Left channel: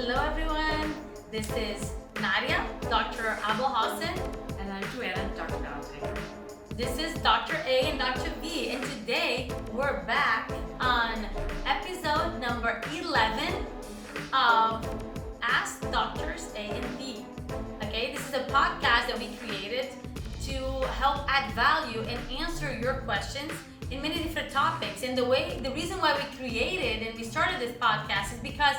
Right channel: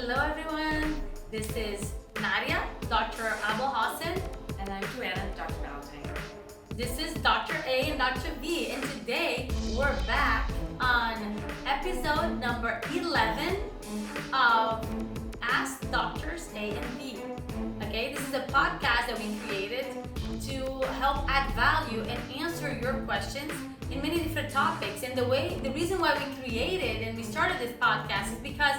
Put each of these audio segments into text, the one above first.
Hello everyone, this is Nadia, Dr. Abul Hassan, And I'm Joanna, Dr. Valentine. this is Dr. A and Dr. B, and today we're back on episode number 11 of Ask Doctors A and B. Okay, this is a podcast that we created to help add value and answer your questions in many different topics. And the reason why we created and we started this podcast is because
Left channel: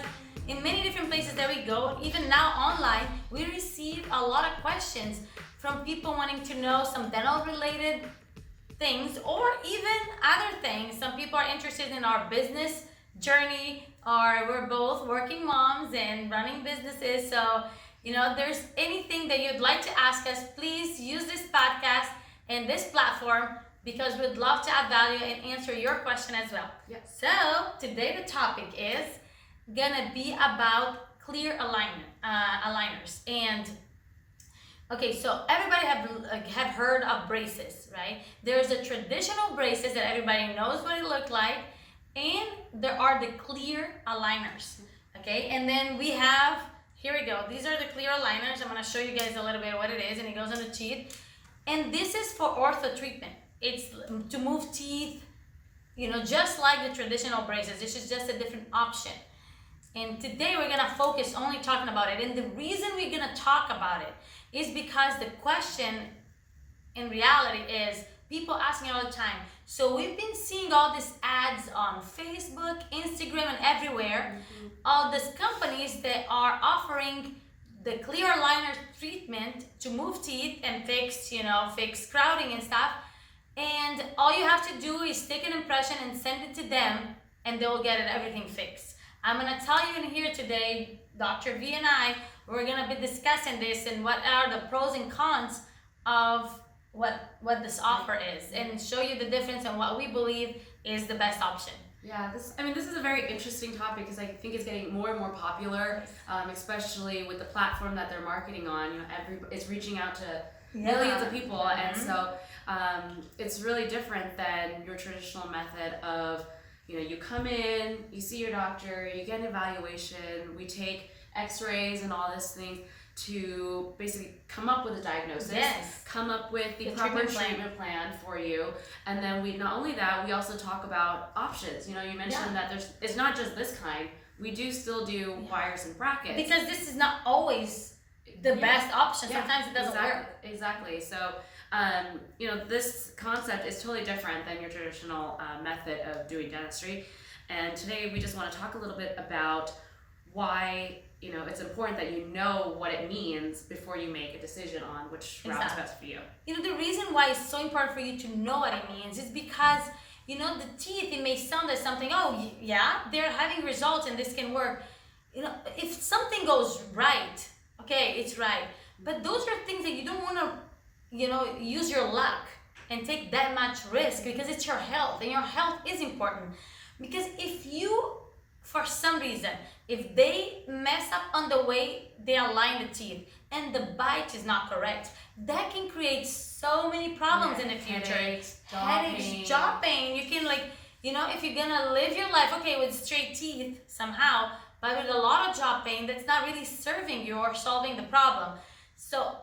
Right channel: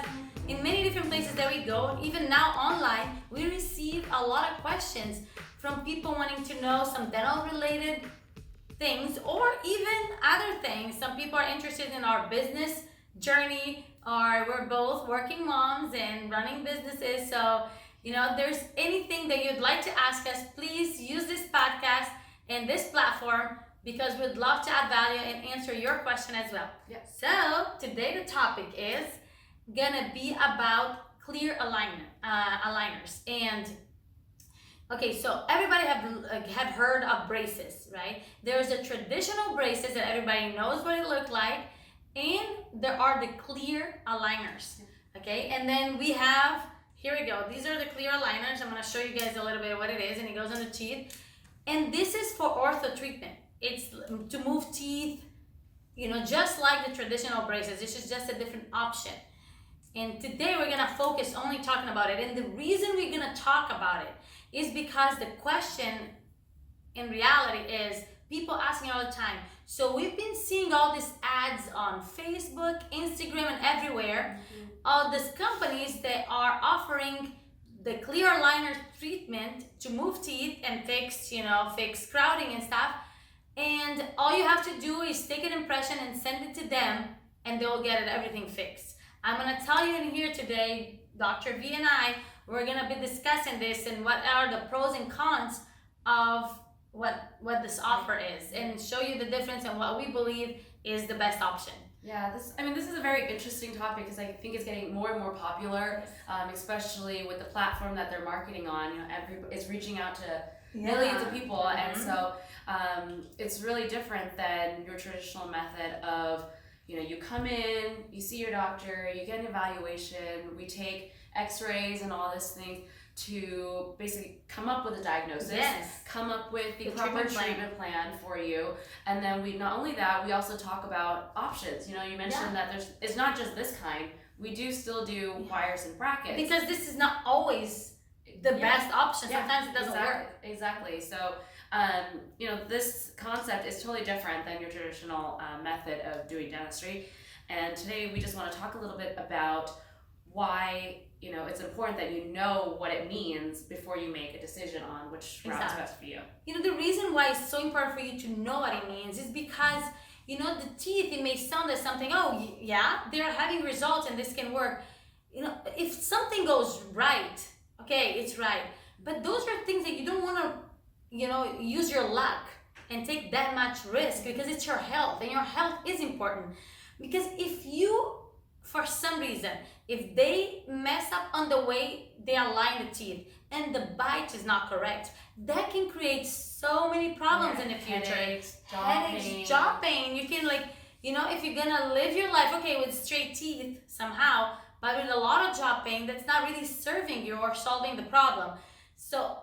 in many different places that we go, even now online, we receive a lot of questions from people wanting to know some dental related things or even other things. Some people are interested in our business journey, or we're both working moms and running businesses. So, there's anything that you'd like to ask us, please use this podcast and this platform because we'd love to add value and answer your question as well. Yes. So, today the topic is gonna be about clear aligners. And okay, so everybody have heard of braces, right? There's a traditional braces that everybody knows what it looked like, and there are the clear aligners. Okay, and then we have, here we go, these are the clear aligners. I'm gonna show you guys a little bit of what it is, and it goes on the teeth. And this is for ortho treatment. It's to move teeth, just like the traditional braces. This is just a different option. And today we're gonna focus only talking about it. And the reason we're gonna talk about it is because the question in reality is people ask me all the time. So we've been seeing all these ads on Facebook, Instagram, and everywhere. All these companies that are offering the clear aligner treatment to move teeth and fix crowding and stuff. And all you have to do is take an impression and send it to them, and they will get everything fixed. I'm gonna tell you in here today, Dr. V and I, we're gonna be discussing this and what are the pros and cons of what this offer is, and show you the difference and what we believe is the best option. Yeah, this is a very interesting topic because I think it's getting more and more popular, especially with the platform that they're marketing on. It's reaching out to millions of people, and so it's really different than your traditional method of, you come in, you see your doctor, you get an evaluation, we take x-rays and all these things to basically come up with a diagnosis, come up with the proper treatment plan for you, and then we not only that, we also talk about options. You mentioned that it's not just this kind, we do still do wires and brackets. Because this is not always the best option. Sometimes it doesn't work. Exactly. So, this concept is totally different than your traditional method of doing dentistry. And today we just want to talk a little bit about why, it's important that you know what it means before you make a decision on which route is best for you. The reason why it's so important for you to know what it means is because, the teeth, it may sound as something, oh, yeah, they're having results and this can work. If something goes right, okay, it's right. But those are things that you don't want to, use your luck and take that much risk because it's your health, and your health is important. Because if you, for some reason, if they mess up on the way they align the teeth and the bite is not correct, that can create so many problems in the future. Headaches, jaw pain. You can if you're gonna live your life, okay, with straight teeth somehow, but with a lot of jaw pain, that's not really serving you or solving the problem. So,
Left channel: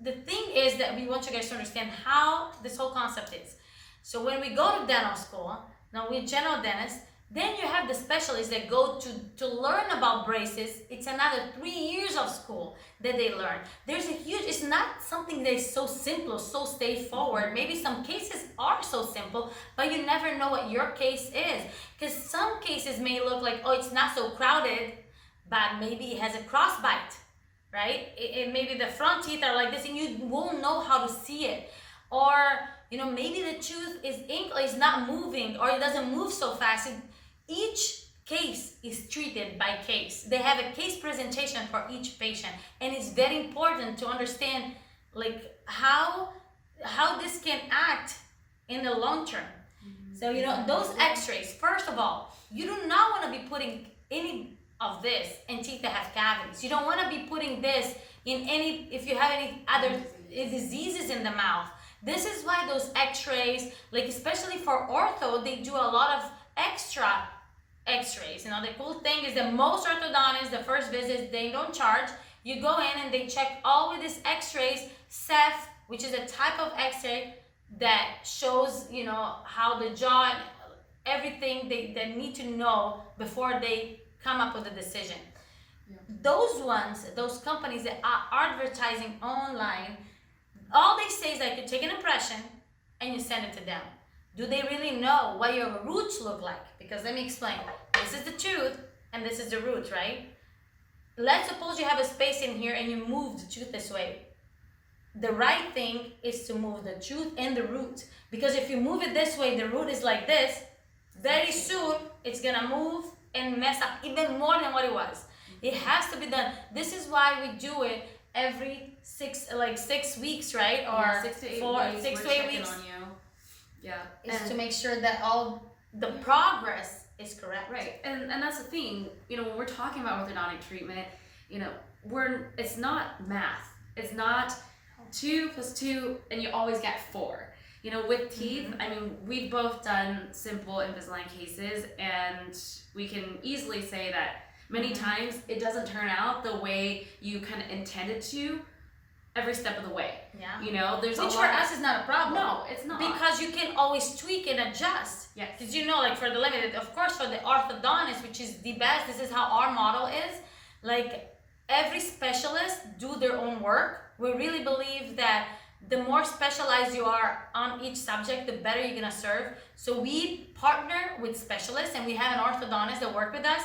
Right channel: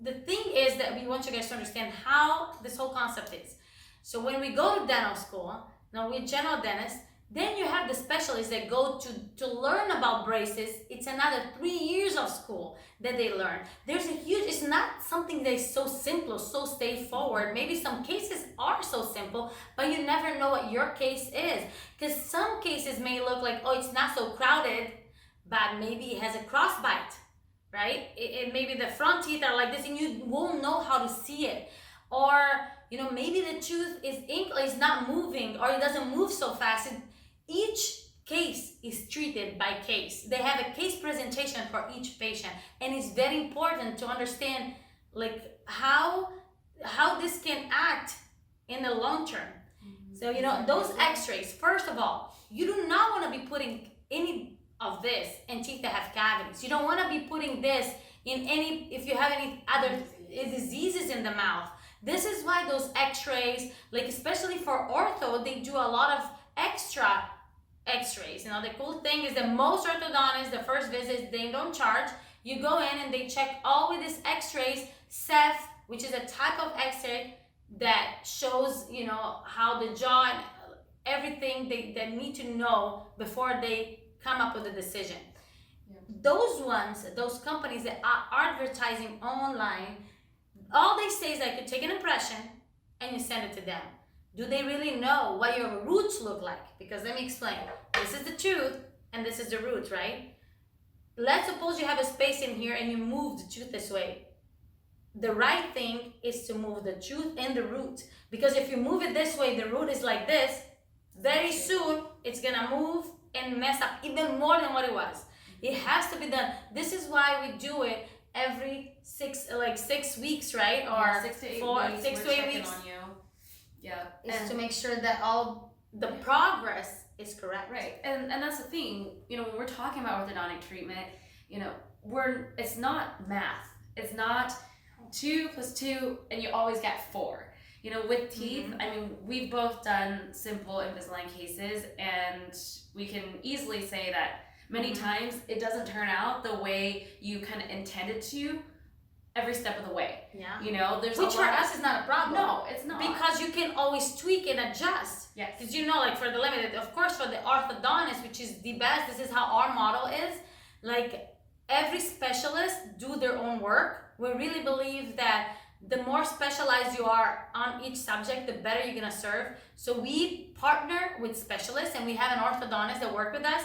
the thing is that we want you guys to understand how this whole concept is. So when we go to dental school, now we're general dentists, then you have the specialists that go to learn about braces. It's another 3 years of school that they learn. It's not something that is so simple, so straightforward. Maybe some cases are so simple, but you never know what your case is. Because some cases may look like, oh, it's not so crowded, but maybe it has a crossbite, right? It maybe the front teeth are like this and you won't know how to see it. Or, maybe the tooth is not moving, or it doesn't move so fast. Each case is treated by case. They have a case presentation for each patient, and it's very important to understand how this can act in the long term. So those x-rays, first of all, you do not want to be putting any of this in teeth that have cavities. You don't want to be putting this in if you have any other diseases in the mouth. This is why those x-rays, especially for ortho, they do a lot of extra x-rays. You know, the cool thing is that most orthodontists, the first visit, they don't charge. You go in and they check all with these x-rays, Ceph, which is a type of x-ray that shows, you know, how the jaw and everything they need to know before they come up with a decision. Yeah. Those ones, those companies that are advertising online, all they say is that you take an impression and you send it to them. Do they really know what your roots look like? Because let me explain. This is the tooth and this is the root, right? Let's suppose you have a space in here and you move the tooth this way. The right thing is to move the tooth and the root. Because if you move it this way, the root is like this, very soon it's gonna move and mess up even more than what it was. It has to be done. This is why we do it every 6 weeks, right? Or 6 to 8 weeks. 6 to 8 weeks. On you. Yeah. Is to make sure that all the progress is correct. Right. And that's the thing, you know, when we're talking about orthodontic treatment, you know, it's not math. It's not 2 + 2 and you always get 4. You know, with teeth, I mean, we've both done simple Invisalign cases, and we can easily say that many times it doesn't turn out the way you kind of intended to every step of the way. Yeah. You know, there's Which for us is not a problem. No, it's not. Because you can always tweak and adjust. Yes. Did you know, like for the limited, of course, for the orthodontist, which is the best, this is how our model is. Like every specialist do their own work. We really believe that the more specialized you are on each subject, the better you're gonna serve. So we partner with specialists, and we have an orthodontist that work with us,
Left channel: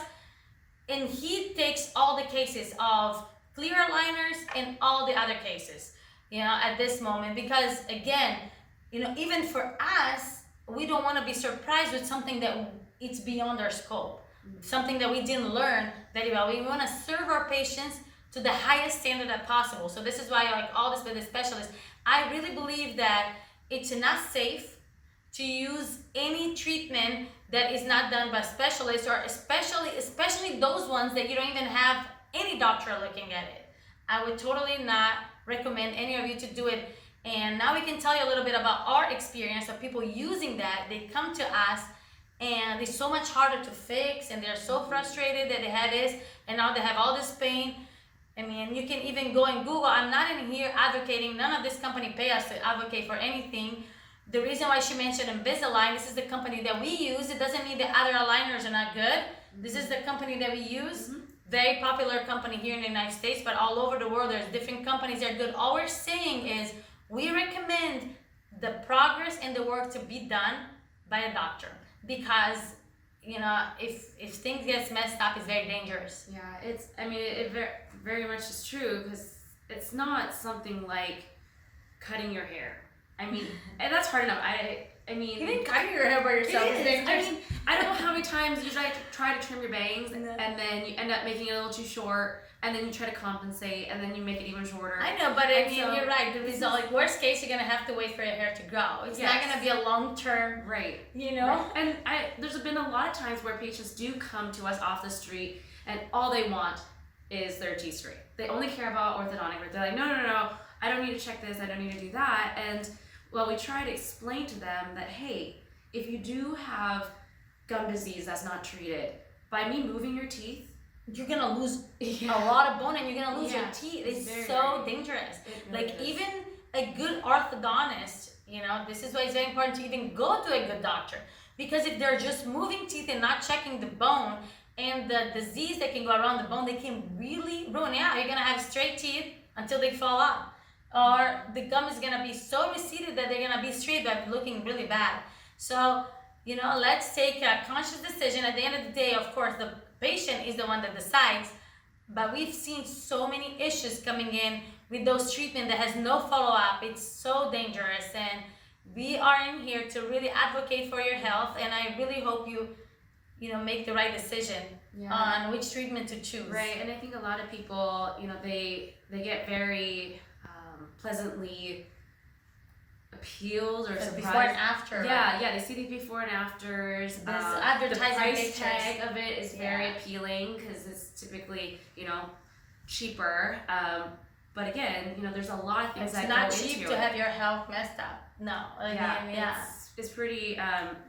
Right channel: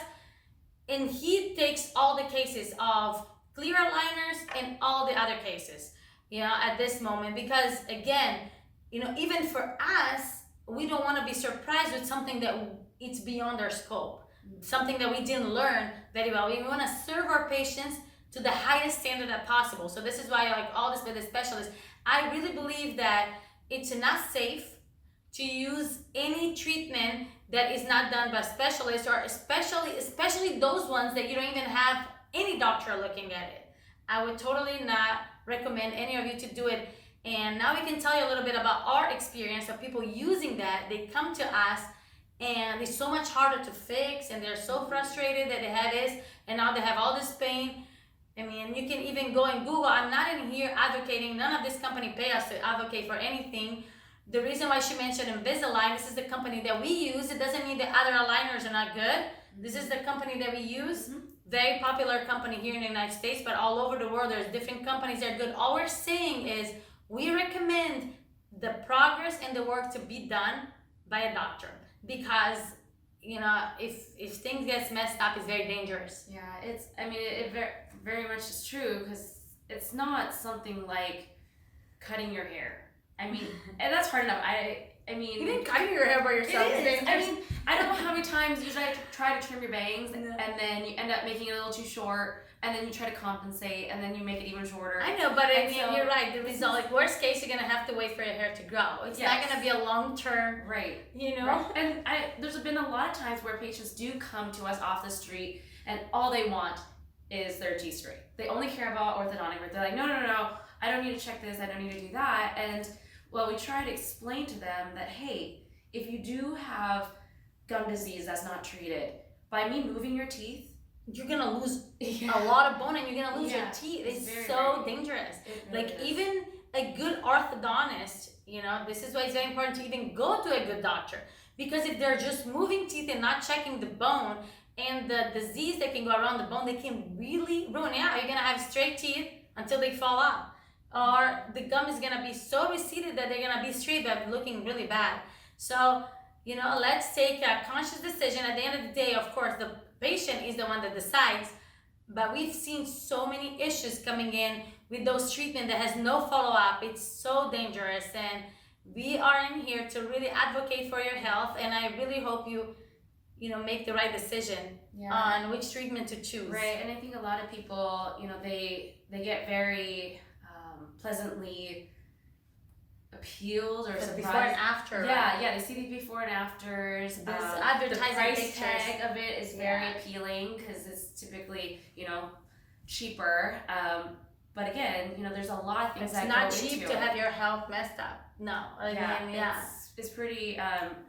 and he takes all the cases of clear aligners and all the other cases, you know, at this moment. Because again, you know, even for us, we don't want to be surprised with something that it's beyond our scope, something that we didn't learn very well. We want to serve our patients to the highest standard that possible. So this is why, like all this with the specialists, I really believe that it's not safe to use any treatment that is not done by specialists, or especially those ones that you don't even have any doctor looking at it. I would totally not recommend any of you to do it. And now we can tell you a little bit about our experience of people using that. They come to us and it's so much harder to fix, and they're so frustrated that they had this and now they have all this pain. I mean, you can even go and Google. I'm not in here advocating, none of this company pay us to advocate for anything. The reason why she mentioned Invisalign, this is the company that we use. It doesn't mean that other aligners are not good. This is the company that we use. Very popular company here in the United States, but all over the world there's different companies that are good. All we're saying is we recommend the progress and the work to be done by a doctor, because you know, if things get messed up, it's very dangerous. Yeah, it very much is true, because it's not something like cutting your hair. I mean, and that's hard enough. I mean, even cutting your hair by yourself is dangerous. I mean, I don't know how many times you try to trim your bangs, and then you end up making it a little too short, and then you try to compensate, and then you make it even shorter. I know, but I mean, you're right. The result, like worst case, you're gonna have to wait for your hair to grow. It's not gonna be a long term, right? You know. Right. And there's been a lot of times where patients do come to us off the street, and all they want is their teeth straight. They only care about orthodontic work. They're like, no, I don't need to check this. I don't need to do that. And well, we try to explain to them that, hey, if you do have gum disease that's not treated, by me moving your teeth, you're gonna lose a lot of bone, and you're gonna lose your teeth. It's very, so dangerous. Really Like even a good orthodontist, you know, this is why it's very important to even go to a good doctor, because if they're just moving teeth and not checking the bone and the disease that can go around the bone, they can really ruin it. Yeah, you're gonna have straight teeth until they fall off, or the gum is gonna be so receded that they're gonna be straight but looking really bad. So, you know, let's take a conscious decision. At the end of the day, of course, the patient is the one that decides, but we've seen so many issues coming in with those treatment that has no follow-up. It's so dangerous, and we are in here to really advocate for your health, and I really hope you know, make the right decision on which treatment to choose. Right, and I think a lot of people, you know, they get very pleasantly appealed or surprised. Before and after. Yeah, they see the before and afters. This advertising the price pictures. tag of it is very appealing, because it's typically, you know, cheaper. But again, you know, there's a lot of things it's that not go cheap into to it. have your health messed up. No, It's pretty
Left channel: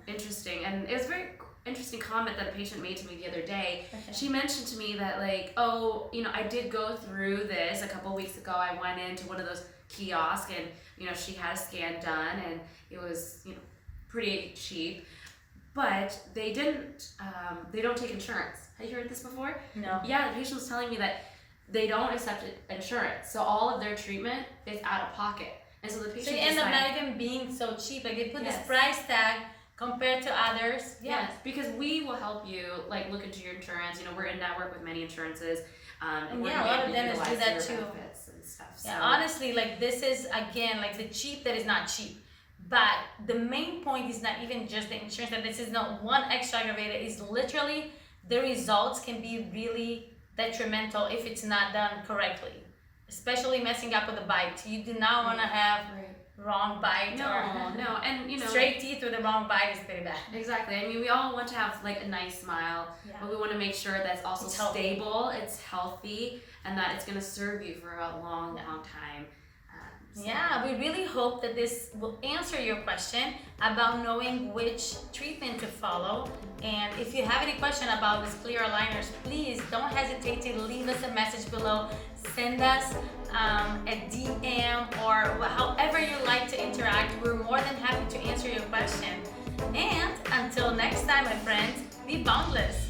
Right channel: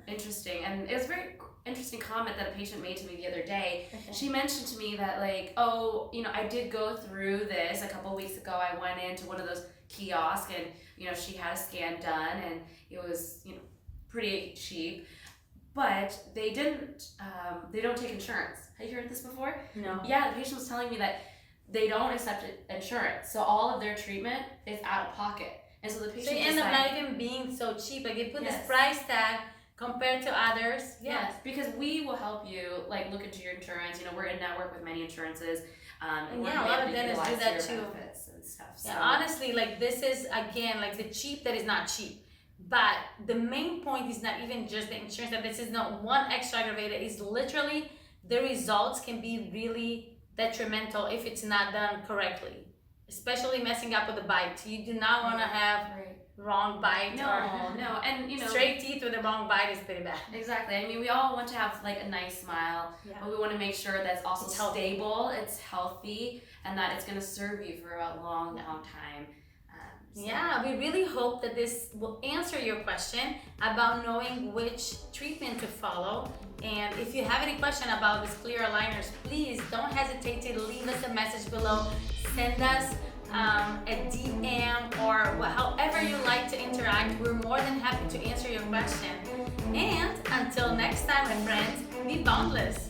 interesting, and it's very interesting comment that a patient made to me the other day. Okay. She mentioned to me that like, oh, I did go through this a couple weeks ago. I went into one of those kiosks and she had a scan done and it was pretty cheap, but they don't take insurance. Have you heard this before? No. Yeah, the patient was telling me that they don't accept insurance, so all of their treatment is out of pocket, and so the patient. So you end up not even being so cheap. Like they put this price tag compared to others. Yes, because we will help you like look into your insurance. We're in network with many insurances. And a lot of dentists do that too. And stuff, so. Yeah, honestly, like this is again like the cheap that is not cheap. But the main point is not even just the insurance. That this is not one extra aggravator. Is literally the results can be really detrimental if it's not done correctly, especially messing up with the bite. You do not want to have wrong bite no, and straight teeth with the wrong bite is pretty bad. Exactly. I mean, we all want to have like a nice smile, but we want to make sure that's also stable, it's healthy, and that it's going to serve you for a long time. Yeah, we really hope that this will answer your question about knowing which treatment to follow. And if you have any question about these clear aligners, please don't hesitate to leave us a message below. Send us a DM or however you like to interact. We're more than happy to answer your question. And until next time, my friends, be boundless.